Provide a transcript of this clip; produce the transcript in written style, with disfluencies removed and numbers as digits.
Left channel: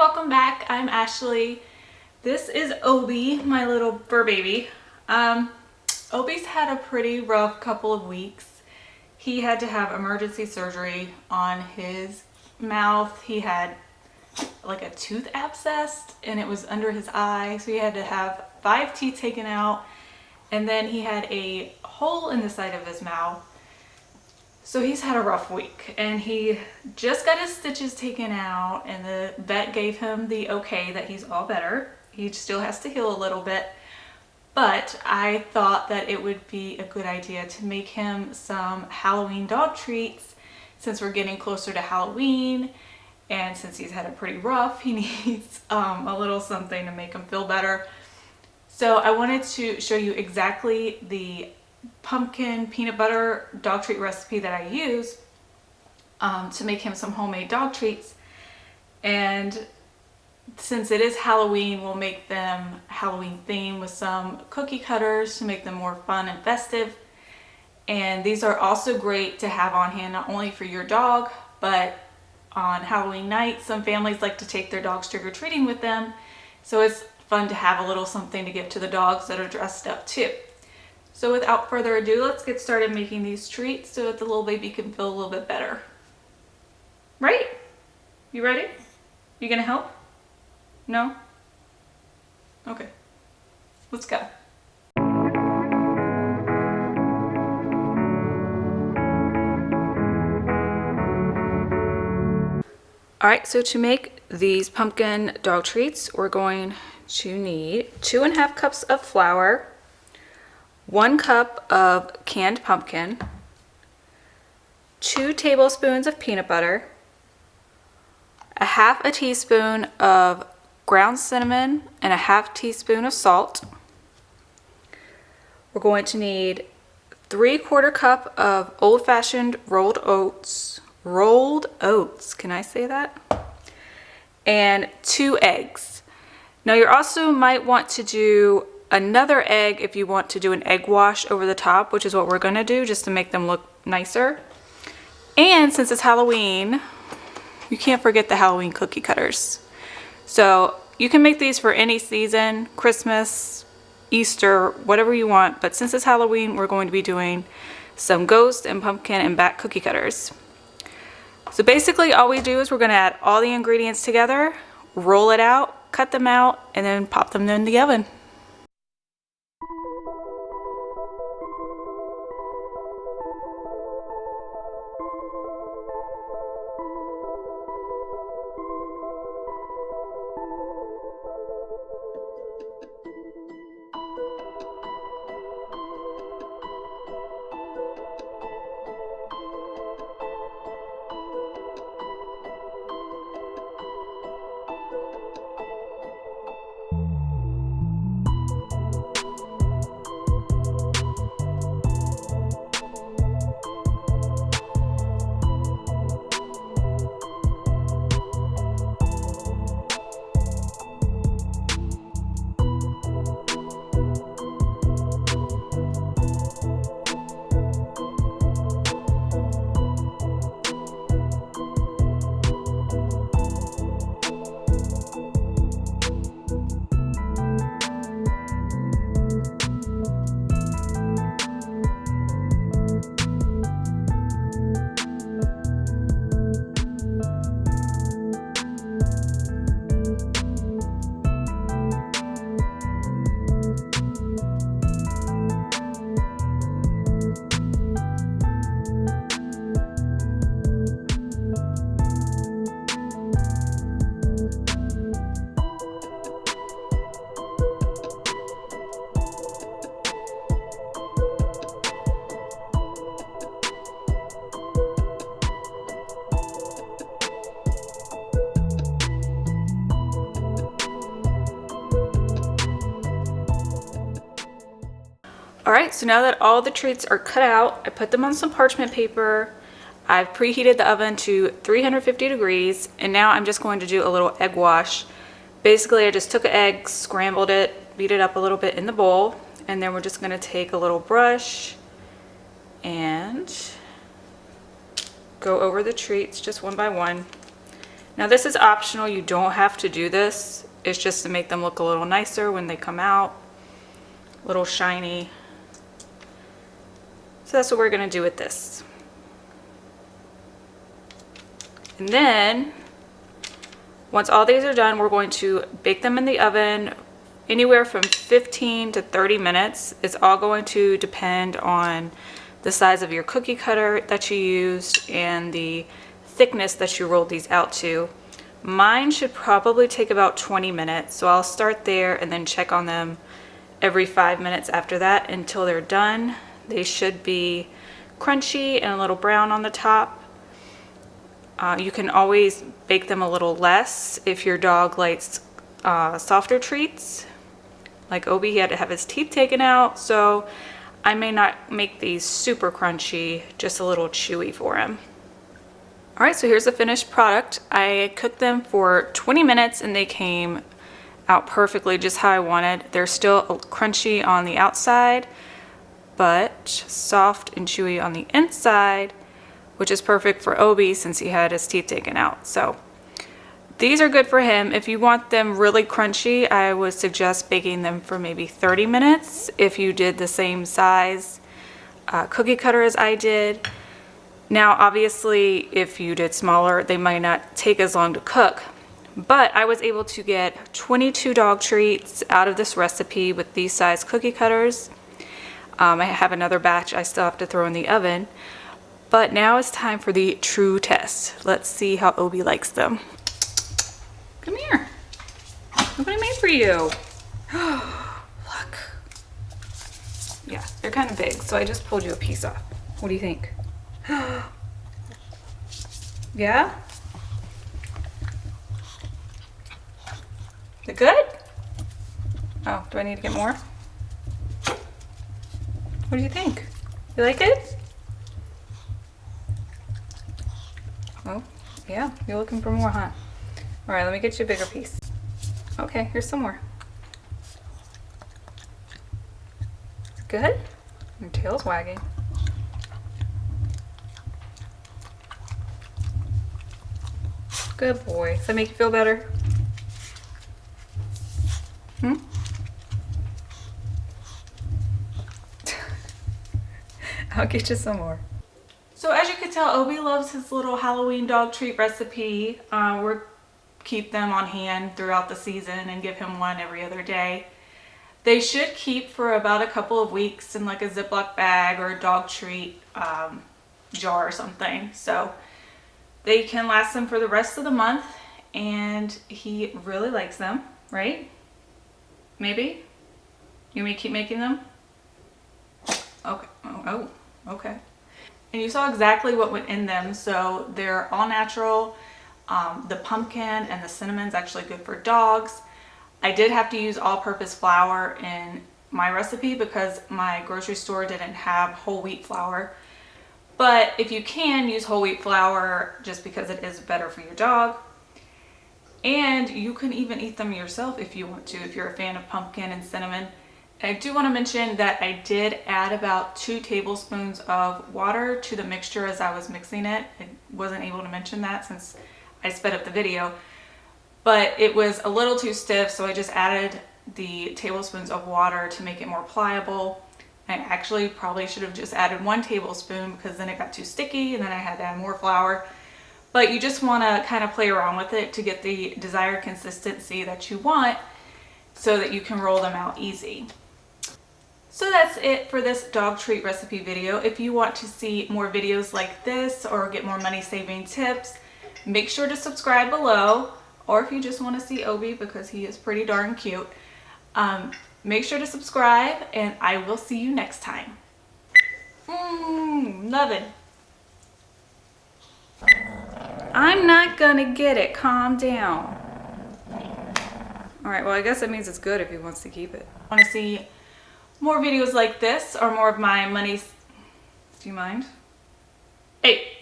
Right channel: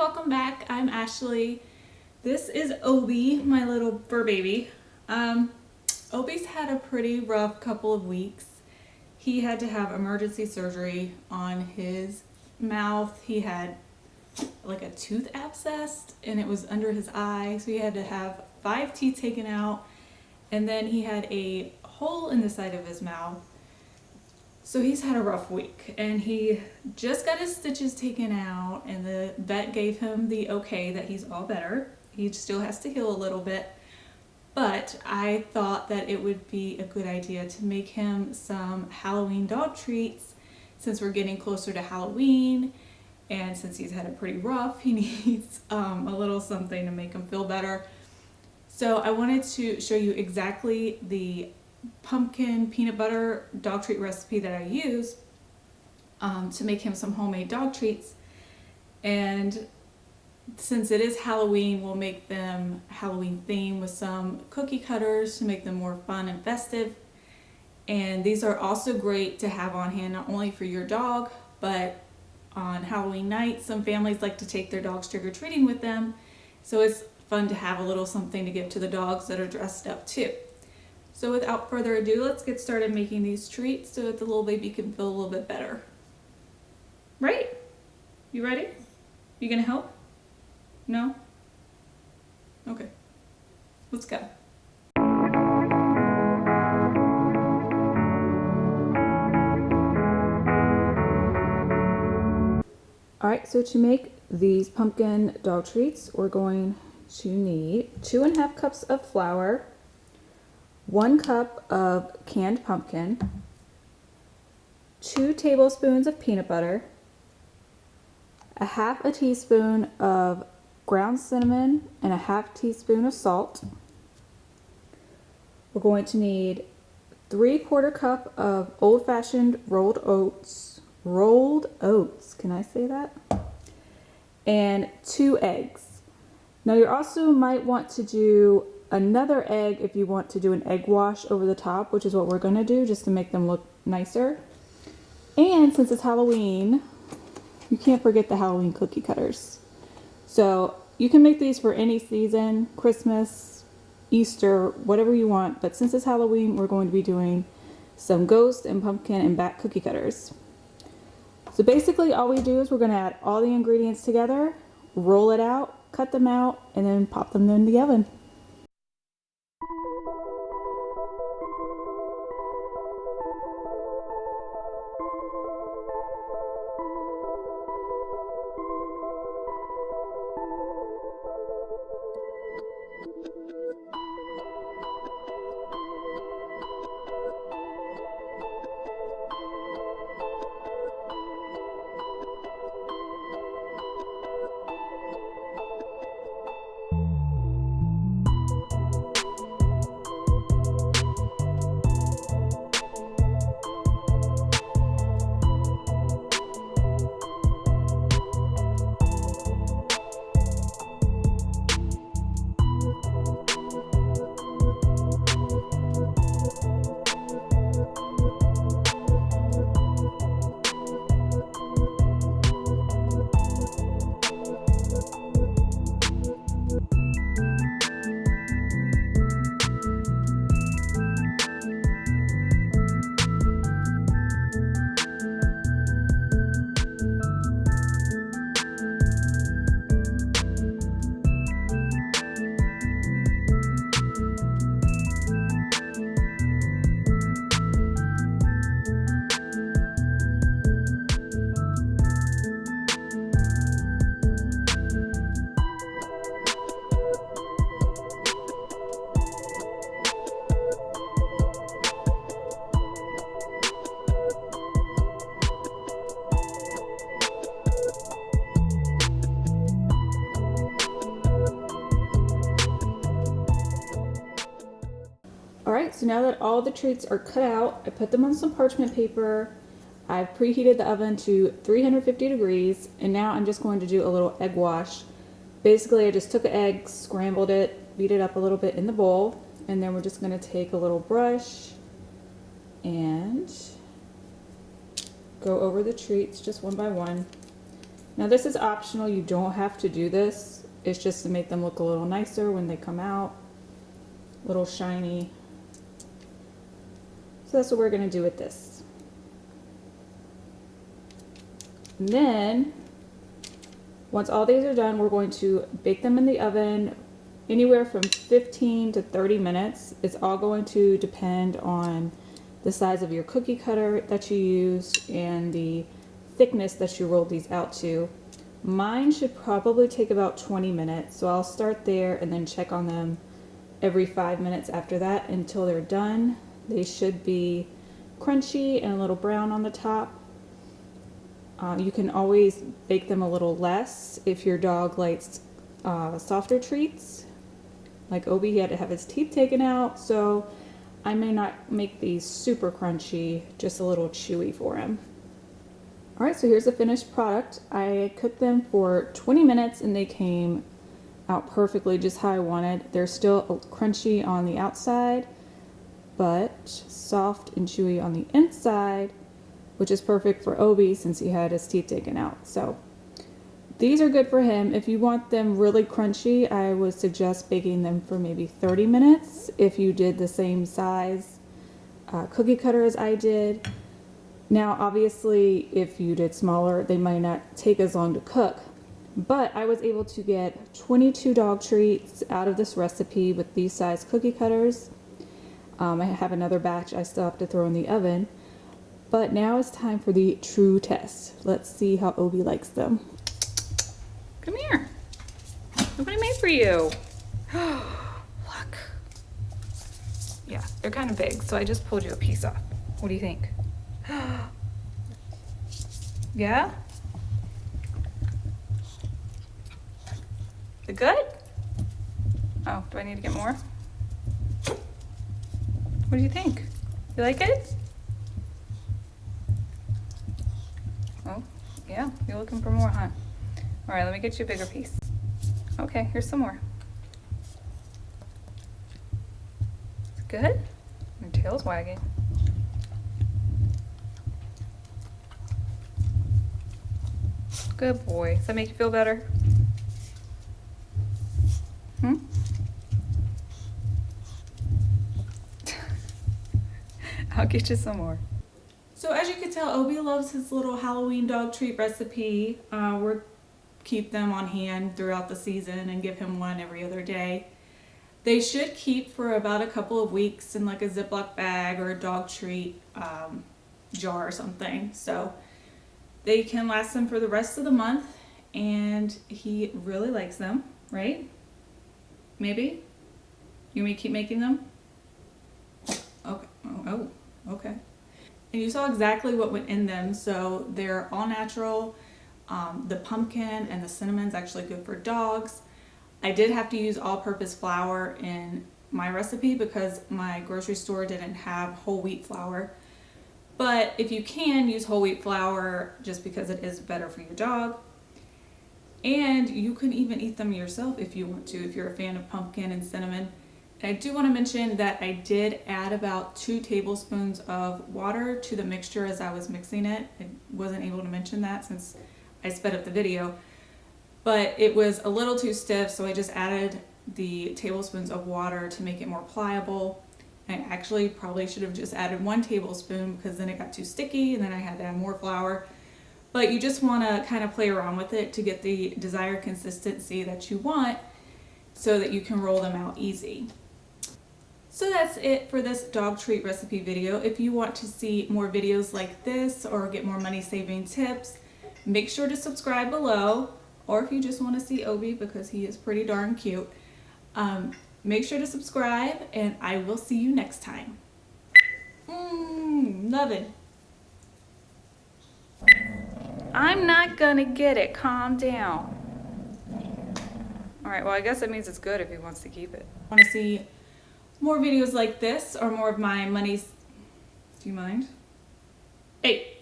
welcome back. I'm Ashley. This is Obi, my little fur baby. Obi's had a pretty rough couple of weeks. He had to have emergency surgery on his mouth. He had like a tooth abscess and it was under his eye, so he had to have 5 teeth taken out, and then he had a hole in the side of his mouth. So he's had a rough week, and he just got his stitches taken out, and the vet gave him the okay that he's all better. He still has to heal a little bit, but I thought that it would be a good idea to make him some Halloween dog treats since we're getting closer to Halloween, and since he's had it pretty rough, he needs a little something to make him feel better. So I wanted to show you exactly the pumpkin peanut butter dog treat recipe that I use to make him some homemade dog treats. And since it is Halloween, we'll make them Halloween themed with some cookie cutters to make them more fun and festive. And these are also great to have on hand, not only for your dog, but on Halloween night, some families like to take their dogs trick-or-treating with them. So it's fun to have a little something to give to the dogs that are dressed up too. So without further ado, let's get started making these treats so that the little baby can feel a little bit better. Right? You ready? You gonna help? No? Okay. Let's go. Alright, so to make these pumpkin dog treats, we're going to need 2.5 cups of flour, 1 cup of canned pumpkin, 2 tablespoons of peanut butter, 1/2 teaspoon of ground cinnamon, and 1/2 teaspoon of salt. We're going to need 3/4 cup of old-fashioned rolled oats. Rolled oats, can I say that? And 2 eggs. Now you also might want to do another egg if you want to do an egg wash over the top, which is what we're gonna do just to make them look nicer. And since it's Halloween, you can't forget the Halloween cookie cutters. So you can make these for any season, Christmas, Easter, whatever you want, but since it's Halloween, we're going to be doing some ghost and pumpkin and bat cookie cutters. So basically all we do is we're gonna add all the ingredients together, roll it out, cut them out, and then pop them in the oven. Alright, so now that all the treats are cut out, I put them on some parchment paper. I've preheated the oven to 350 degrees, and now I'm just going to do a little egg wash. Basically, I just took an egg, scrambled it, beat it up a little bit in the bowl, and then we're just going to take a little brush and go over the treats just one by one. Now this is optional, you don't have to do this. It's just to make them look a little nicer when they come out, a little shiny. So that's what we're gonna do with this. And then, once all these are done, we're going to bake them in the oven anywhere from 15 to 30 minutes. It's all going to depend on the size of your cookie cutter that you used and the thickness that you rolled these out to. Mine should probably take about 20 minutes, so I'll start there and then check on them every 5 minutes after that until they're done. They should be crunchy and a little brown on the top. You can always bake them a little less if your dog likes softer treats. Like Obi, he had to have his teeth taken out, so I may not make these super crunchy, just a little chewy for him. All right, so here's the finished product. I cooked them for 20 minutes and they came out perfectly, just how I wanted. They're still crunchy on the outside, but soft and chewy on the inside, which is perfect for Obi since he had his teeth taken out. So these are good for him. If you want them really crunchy, I would suggest baking them for maybe 30 minutes if you did the same size cookie cutter as I did. Now, obviously, if you did smaller, they might not take as long to cook. But I was able to get 22 dog treats out of this recipe with these size cookie cutters. I have another batch I still have to throw in the oven. But now it's time for the true test. Let's see how Obi likes them. Come here. Look what I made for you. Look. Yeah, they're kind of big, so I just pulled you a piece off. What do you think? Yeah? Is it good? Oh, do I need to get more? What do you think? You like it? Oh, yeah, you're looking for more, huh? All right, let me get you a bigger piece. Okay, here's some more. Good? Your tail's wagging. Good boy. Does that make you feel better? Hmm? I'll get you some more. So as you can tell, Obi loves his little Halloween dog treat recipe. We're keep them on hand throughout the season and give him one every other day. They should keep for about a couple of weeks in like a Ziploc bag or a dog treat jar or something. So they can last him for the rest of the month, and he really likes them, right? Maybe? You may keep making them? Okay. Oh, okay. And you saw exactly what went in them. So they're all natural. The pumpkin and the cinnamon's actually good for dogs. I did have to use all-purpose flour in my recipe because my grocery store didn't have whole wheat flour. But if you can, use whole wheat flour just because it is better for your dog. And you can even eat them yourself if you want to, if you're a fan of pumpkin and cinnamon. I do want to mention that I did add about 2 tablespoons of water to the mixture as I was mixing it. I wasn't able to mention that since I sped up the video, but it was a little too stiff, so I just added the tablespoons of water to make it more pliable. I actually probably should have just added 1 tablespoon because then it got too sticky and then I had to add more flour. But you just want to kind of play around with it to get the desired consistency that you want so that you can roll them out easy. So that's it for this dog treat recipe video. If you want to see more videos like this or get more money saving tips, make sure to subscribe below. Or if you just want to see Obi because he is pretty darn cute, make sure to subscribe and I will see you next time. Love it. I'm not gonna get it. Calm down. All right, well, I guess that means it's good if he wants to keep it. Want to see more videos like this or more of my money? Do you mind? Hey.